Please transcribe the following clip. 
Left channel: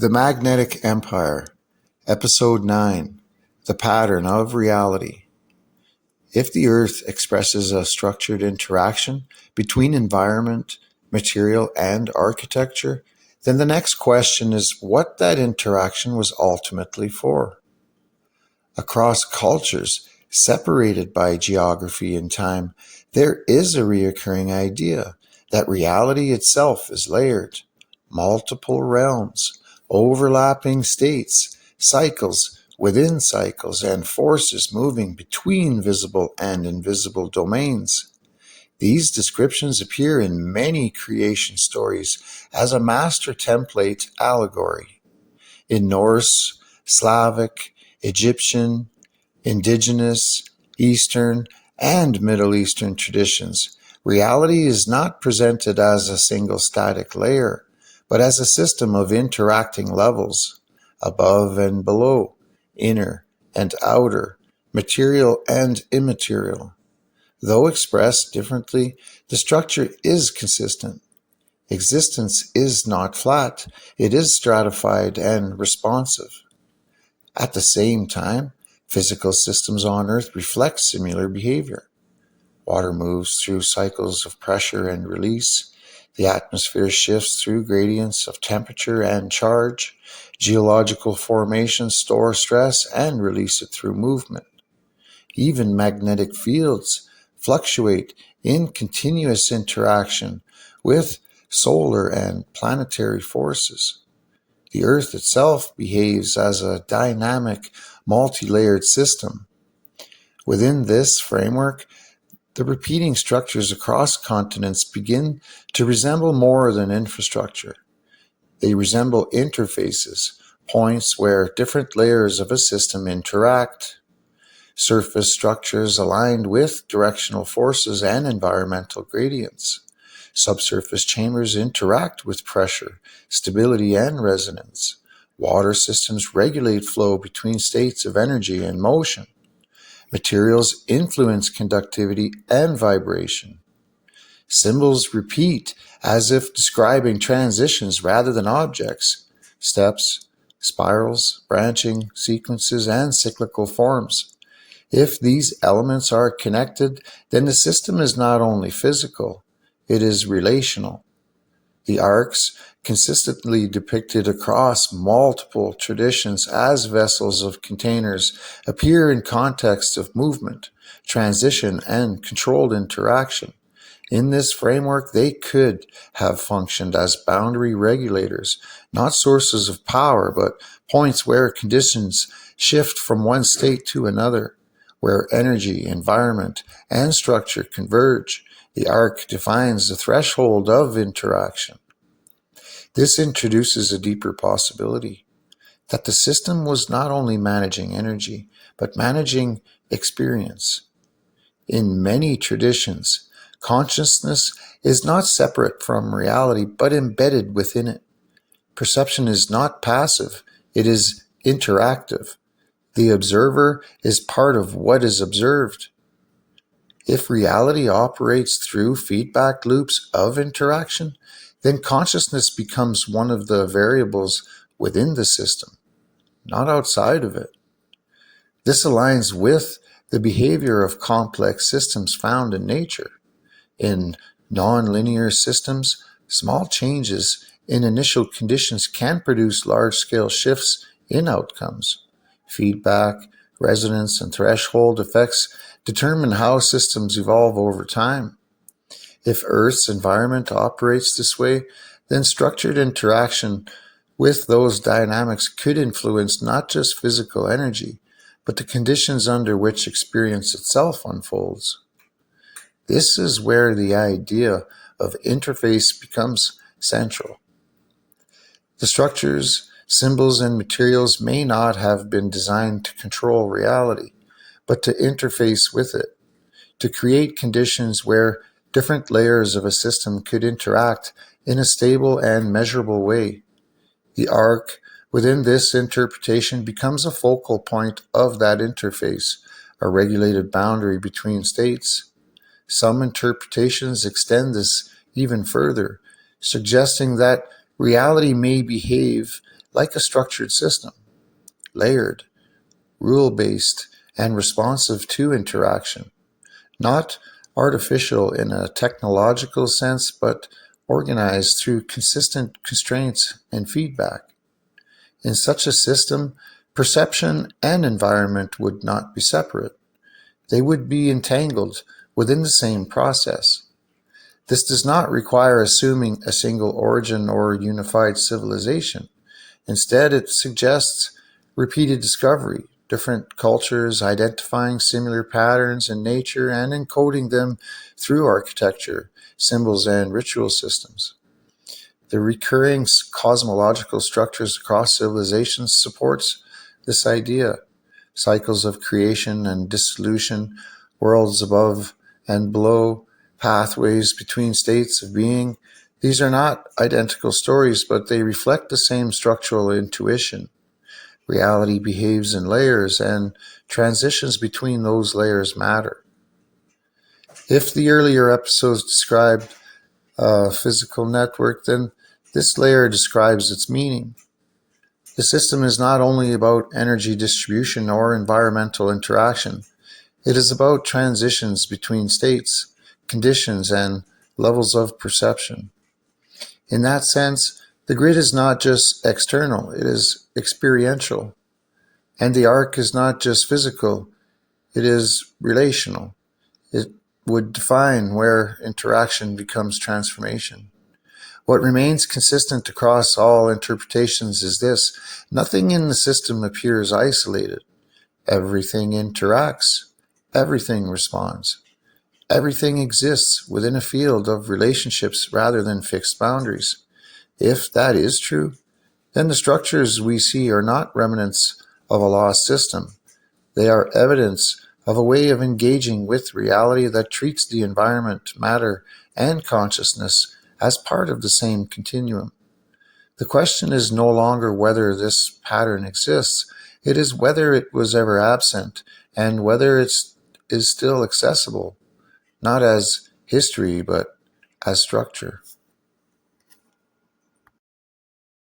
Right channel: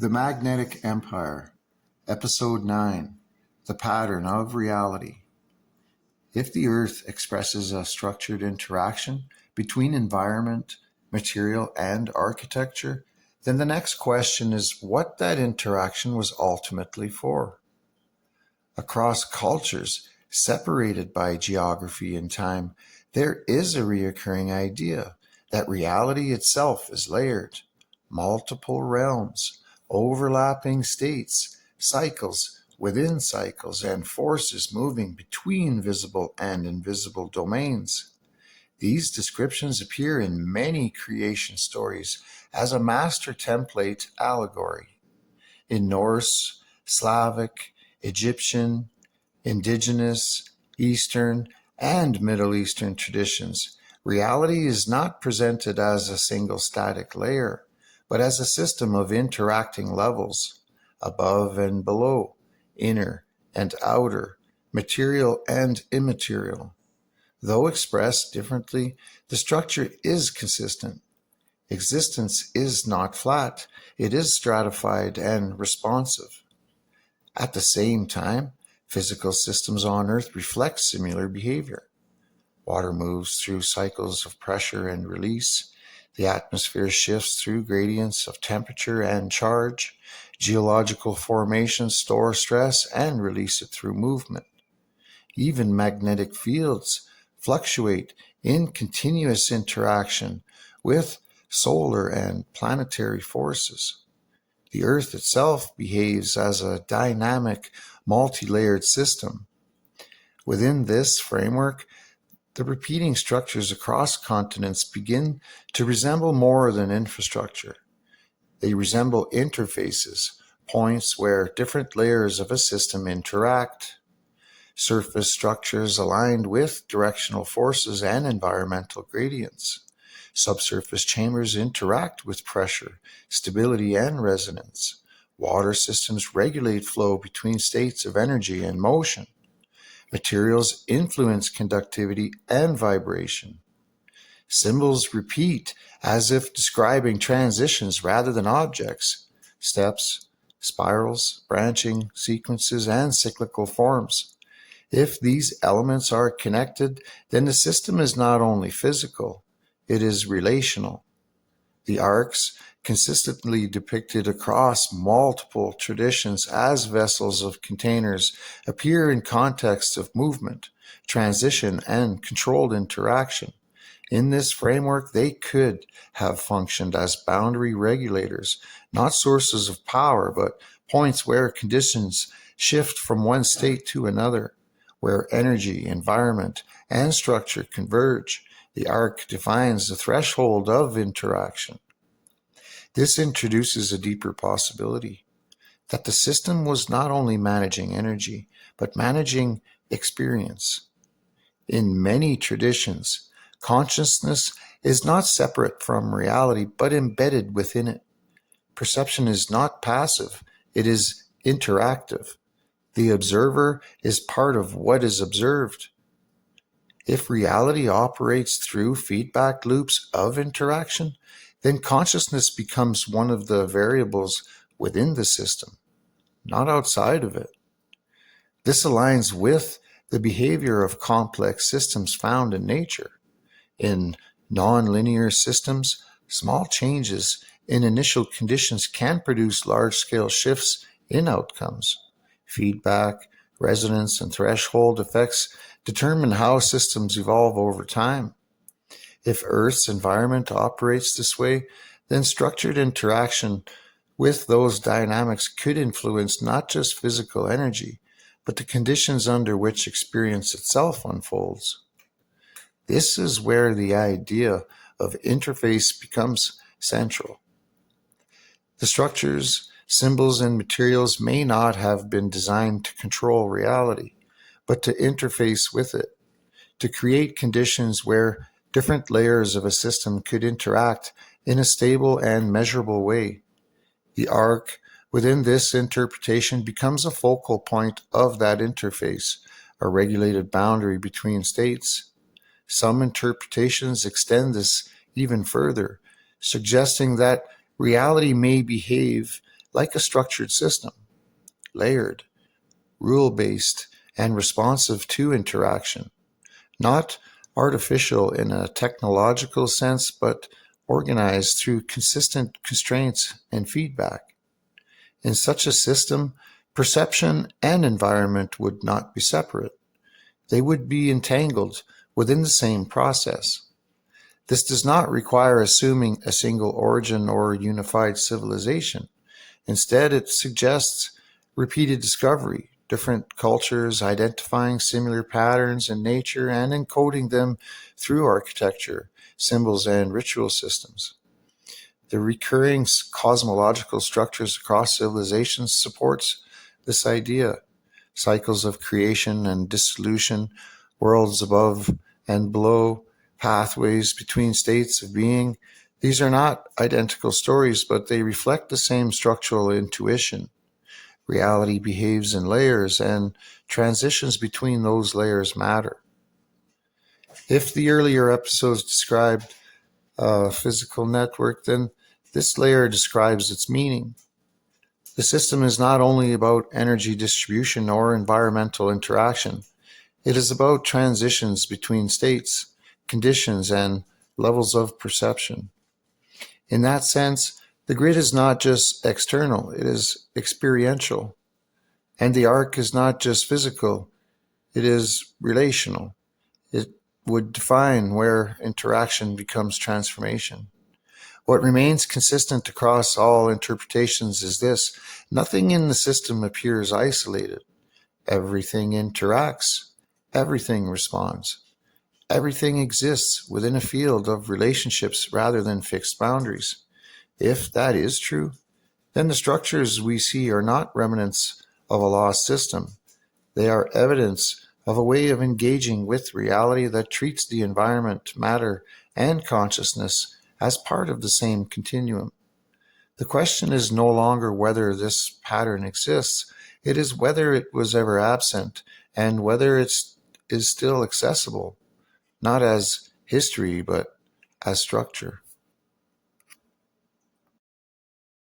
The Magnetic Empire, Episode 9, The Pattern of Reality. If the Earth expresses a structured interaction between environment, material, and architecture, then the next question is what that interaction was ultimately for. Across cultures, separated by geography and time, there is a recurring idea that reality itself is layered, multiple realms, overlapping states, cycles within cycles, and forces moving between visible and invisible domains. These descriptions appear in many creation stories as a master template allegory. In Norse, Slavic, Egyptian, Indigenous, Eastern, and Middle Eastern traditions, reality is not presented as a single static layer, but as a system of interacting levels, above and below, inner and outer, material and immaterial. Though expressed differently, the structure is consistent. Existence is not flat, it is stratified and responsive. At the same time, physical systems on Earth reflect similar behavior. Water moves through cycles of pressure and release. The atmosphere shifts through gradients of temperature and charge. Geological formations store stress and release it through movement. Even magnetic fields fluctuate in continuous interaction with solar and planetary forces. The Earth itself behaves as a dynamic, multi-layered system. Within this framework, the repeating structures across continents begin to resemble more than infrastructure. They resemble interfaces, points where different layers of a system interact. Surface structures aligned with directional forces and environmental gradients. Subsurface chambers interact with pressure, stability, and resonance. Water systems regulate flow between states of energy and motion. Materials influence conductivity and vibration. Symbols repeat as if describing transitions rather than objects, steps, spirals, branching, sequences, and cyclical forms. If these elements are connected, then the system is not only physical, it is relational. The arcs, consistently depicted across multiple traditions as vessels of containers, appear in contexts of movement, transition, and controlled interaction. In this framework, they could have functioned as boundary regulators, not sources of power, but points where conditions shift from one state to another, where energy, environment, and structure converge. The arc defines the threshold of interaction. This introduces a deeper possibility that the system was not only managing energy, but managing experience. In many traditions, consciousness is not separate from reality, but embedded within it. Perception is not passive, it is interactive. The observer is part of what is observed. If reality operates through feedback loops of interaction, then consciousness becomes one of the variables within the system, not outside of it. This aligns with the behavior of complex systems found in nature. In nonlinear systems, small changes in initial conditions can produce large-scale shifts in outcomes. Feedback, resonance, and threshold effects determine how systems evolve over time. If Earth's environment operates this way, then structured interaction with those dynamics could influence not just physical energy, but the conditions under which experience itself unfolds. This is where the idea of interface becomes central. The structures, symbols, and materials may not have been designed to control reality, but to interface with it, to create conditions where different layers of a system could interact in a stable and measurable way. The arc within this interpretation becomes a focal point of that interface, a regulated boundary between states. Some interpretations extend this even further, suggesting that reality may behave like a structured system, layered, rule-based, and responsive to interaction, not artificial in a technological sense, but organized through consistent constraints and feedback. In such a system, perception and environment would not be separate. They would be entangled within the same process. This does not require assuming a single origin or unified civilization. Instead, it suggests repeated discovery, different cultures identifying similar patterns in nature and encoding them through architecture, symbols, and ritual systems. The recurring cosmological structures across civilizations supports this idea. Cycles of creation and dissolution, worlds above and below, pathways between states of being. These are not identical stories, but they reflect the same structural intuition. Reality behaves in layers, and transitions between those layers matter. If the earlier episodes described a physical network, then this layer describes its meaning. The system is not only about energy distribution or environmental interaction. It is about transitions between states, conditions, and levels of perception. In that sense, the grid is not just external, it is experiential. And the arc is not just physical, it is relational. It would define where interaction becomes transformation. What remains consistent across all interpretations is this: nothing in the system appears isolated. Everything interacts. Everything responds. Everything exists within a field of relationships rather than fixed boundaries. If that is true, then the structures we see are not remnants of a lost system. They are evidence of a way of engaging with reality that treats the environment, matter, and consciousness as part of the same continuum. The question is no longer whether this pattern exists, it is whether it was ever absent and whether it is still accessible, not as history, but as structure.